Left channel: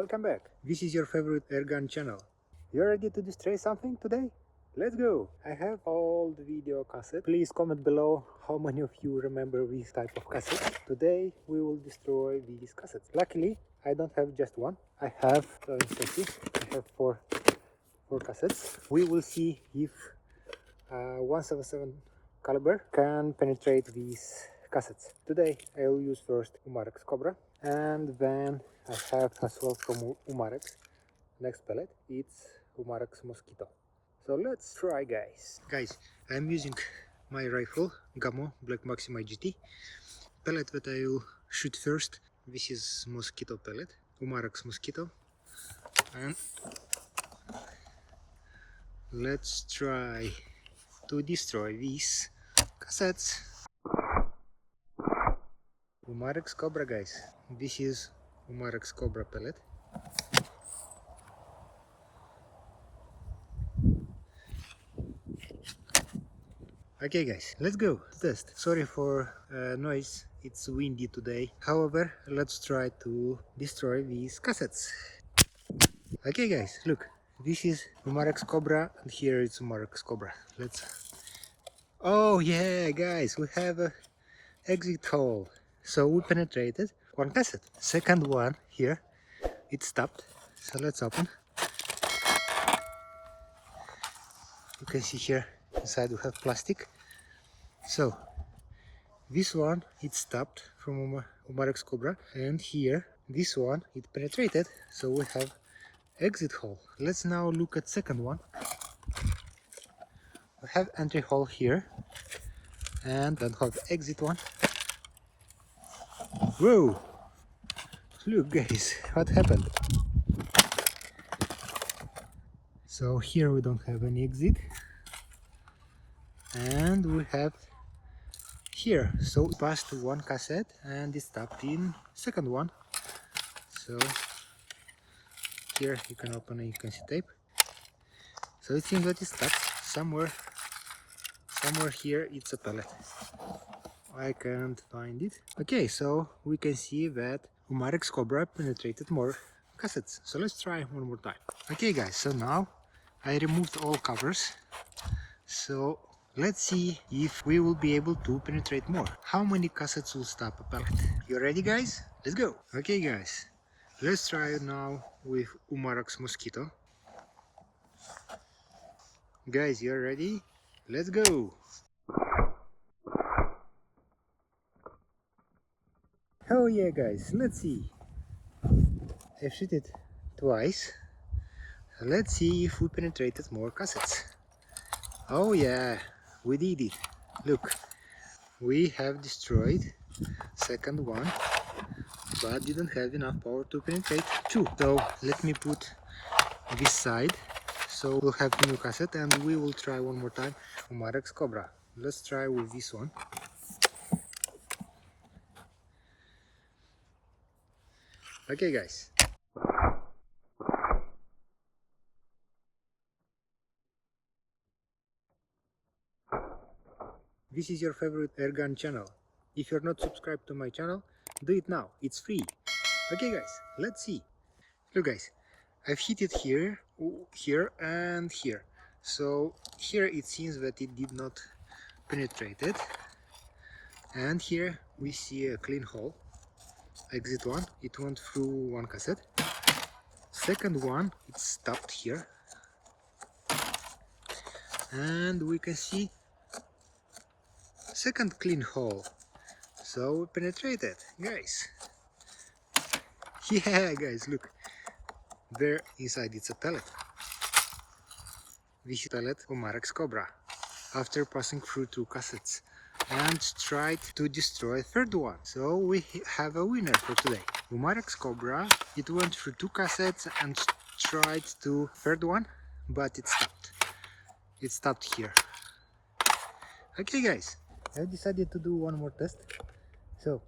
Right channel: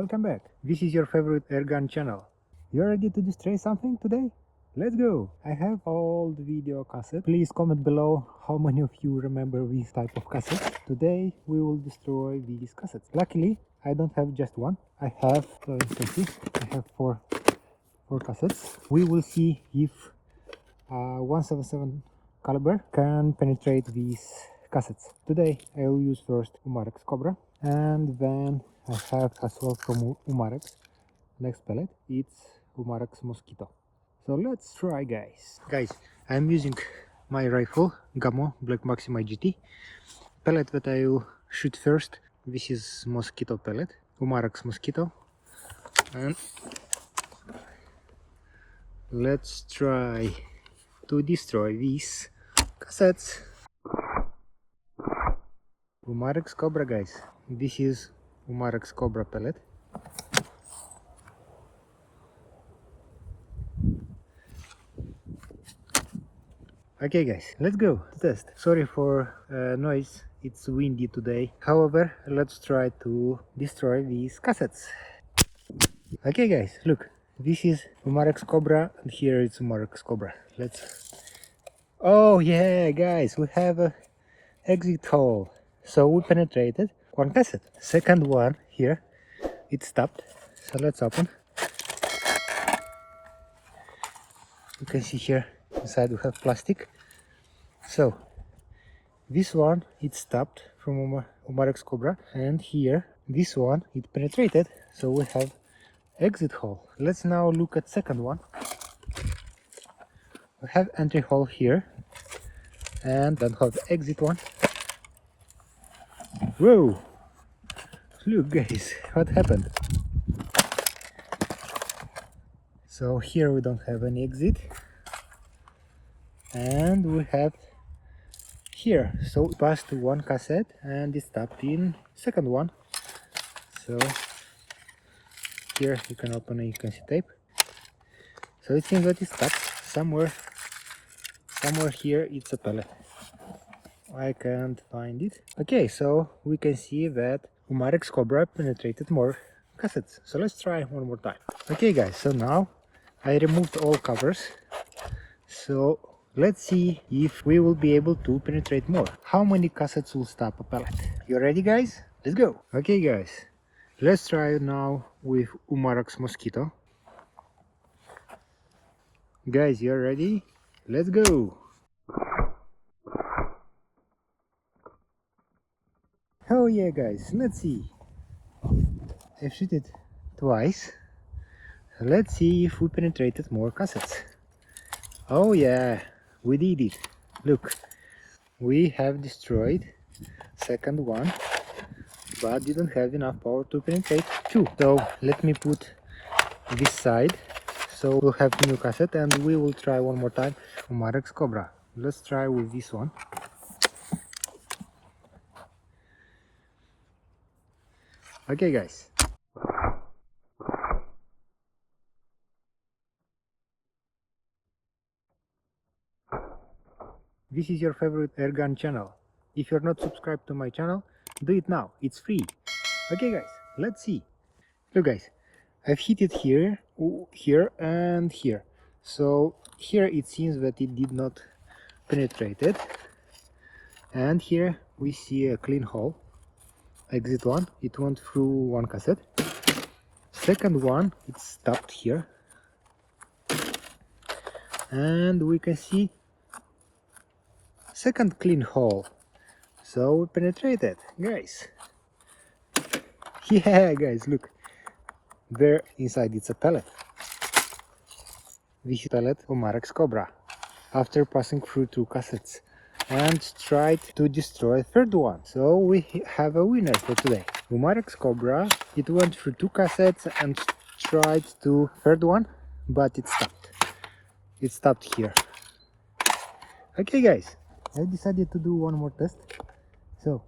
welcome back. This is your favorite airgun channel. You ready to destroy something today? Let's go! I have old video cassette. Please comment below how many of you remember this type of cassette. Today we will destroy these cassettes. Luckily I don't have just one. I have four cassettes. We will see if 177 caliber can penetrate these cassettes. Today I will use first Umarex Cobra, and then I have as well from Umarex. Next pellet, it's Umarex Mosquito. So let's try, guys. I'm using my rifle Gamo Black Maxxim IGT. Pellet that I will shoot first, this is Mosquito pellet, Umarex Mosquito, and let's try to destroy these cassettes. Umarex Cobra, guys. This is Umarex Cobra pellet. Okay, guys, let's go to test. Sorry for noise, it's windy today. However, let's try to destroy these cassettes. Okay, guys, look, this is Umarex Cobra, and here it's Umarex Cobra. Oh yeah, guys, we have a exit hole. So we penetrated one cassette. Second one here, it stopped. So let's open. You can see here inside we have plastic. So this one it stopped from Umarex Cobra, and here this one it penetrated. So we have exit hole. Let's now look at second one. We have entry hole here, and then have exit one. Whoa! Look, guys, what happened? So here we don't have any exit, and we have here. So it passed to one cassette and it stopped in second one. So here you can open it, you can see tape. So it seems that it stopped somewhere here. It's a pellet. I can't find it. Okay, so we can see that Umarex Cobra penetrated more cassettes. So let's try one more time. Okay, guys, so now I removed all covers. So let's see if we will be able to penetrate more. How many cassettes will stop a pellet? You ready, guys? Let's go. Okay, guys, let's try now with Umarex Mosquito. Guys, you're ready? Let's go. Oh yeah, guys, let's see. I shoot it twice. Let's see if we penetrated more cassettes. Oh yeah, we did it. Look, we have destroyed second one, but didn't have enough power to penetrate two. So let me put this side. So we'll have new cassette, and we will try one more time Umarex Cobra. Let's try with this one. Okay, guys. This is your favorite airgun channel. If you're not subscribed to my channel, do it now. It's free. Okay, guys, let's see. Look, guys, I've hit it here, here, and here. So here it seems that it did not penetrate it. And here we see a clean hole. Exit one, it went through one cassette. Second one, it stopped here. And we can see second clean hole. So we penetrated, guys. Yeah, guys, look. There inside it's a pellet. This is pellet Umarex Cobra. After passing through two cassettes and tried to destroy third one. So we have a winner for today. Umarex Cobra, it went through two cassettes and tried to third one, but it stopped. It stopped here. Okay, guys, I decided to do one more test. So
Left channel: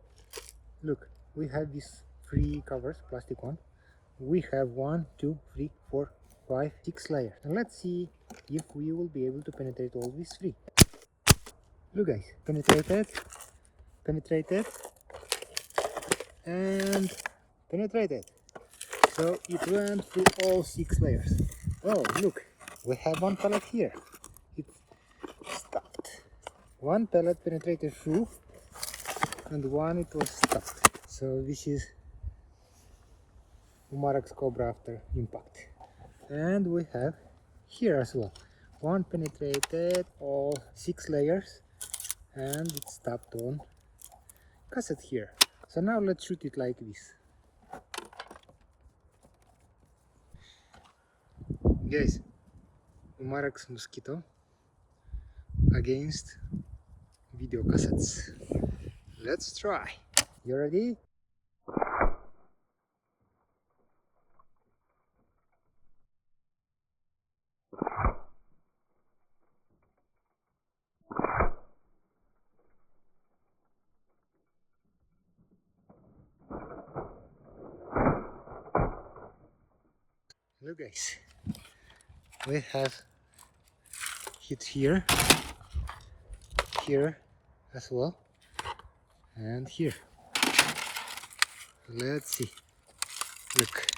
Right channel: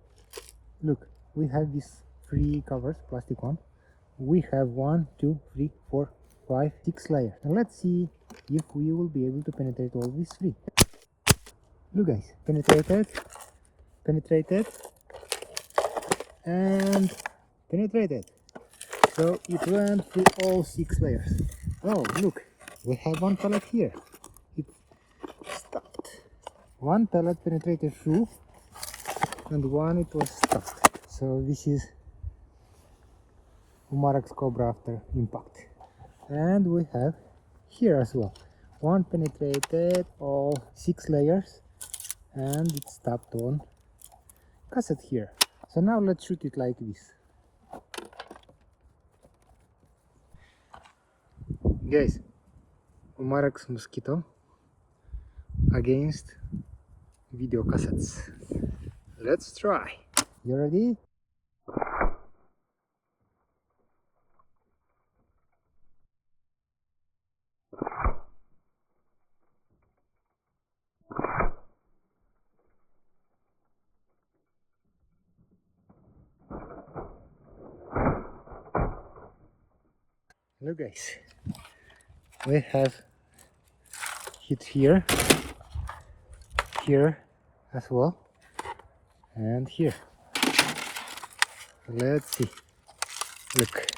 look, we have these three covers, plastic one. We have 1, 2, 3, 4, 5, 6 layers. And let's see if we will be able to penetrate all these three. Look, guys, penetrated, and penetrated. So it went through all 6 layers. Oh, look, we have one pellet here. It stopped. One pellet penetrated through and one it was stopped. So this is Umarex Cobra after impact. And we have here as well. One penetrated all 6 layers and it stopped on cassette here. So now let's shoot it like this. Guys, Umarex Mosquito against video cassettes. Let's try. You ready? Look guys, we have hit here, here as well, and here. Let's see. Look,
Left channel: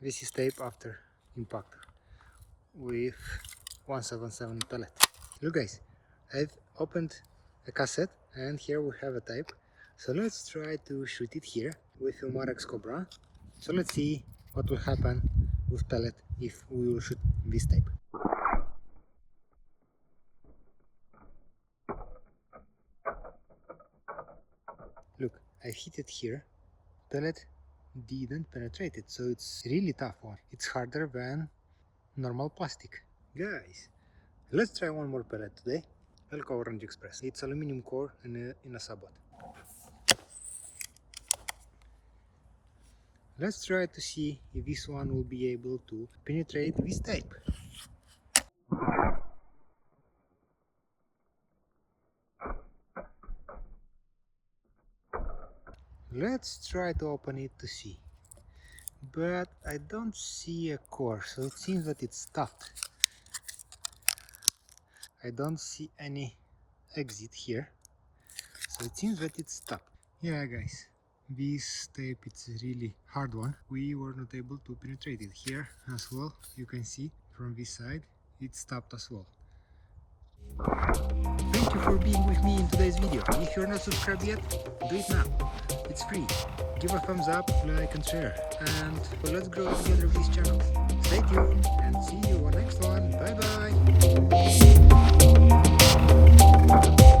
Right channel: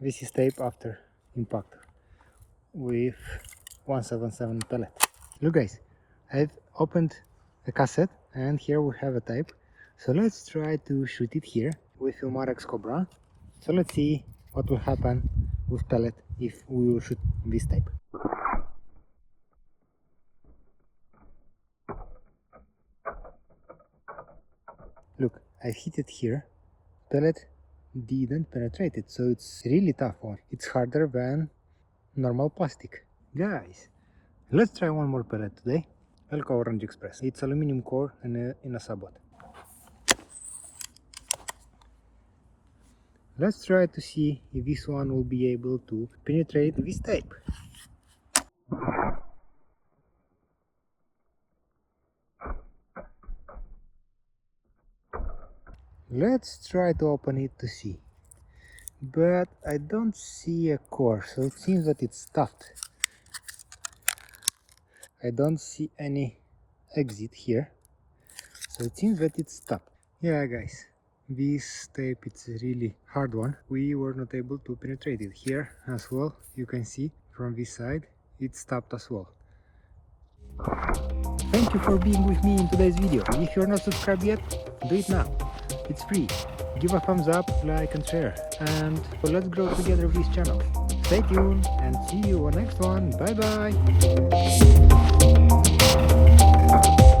this is tape after impact with 177 pellet. Look guys, I've opened a cassette and here we have a tape. So let's try to shoot it here with Umarex Cobra. So let's see what will happen with pellet if we will shoot this tape. Look, I hit it here. Pellet didn't penetrate it, so it's really tough one. It's harder than normal plastic. Guys, let's try one more pellet today. Elko Orange Express. It's aluminum core in a sabot. Let's try to see if this one will be able to penetrate this tape. Let's try to open it to see. But I don't see a core, so it seems that it's stuffed. I don't see any exit here, so it seems that it's stuffed. Yeah guys, this tape is a really hard one. We were not able to penetrate it. Here as well, you can see from this side it's stopped as well. Thank you for being with me in today's video. If you're not subscribed yet, do it now. It's free. Give a thumbs up, like and share, and let's grow together with this channel. Stay tuned and see you on next one. Bye bye.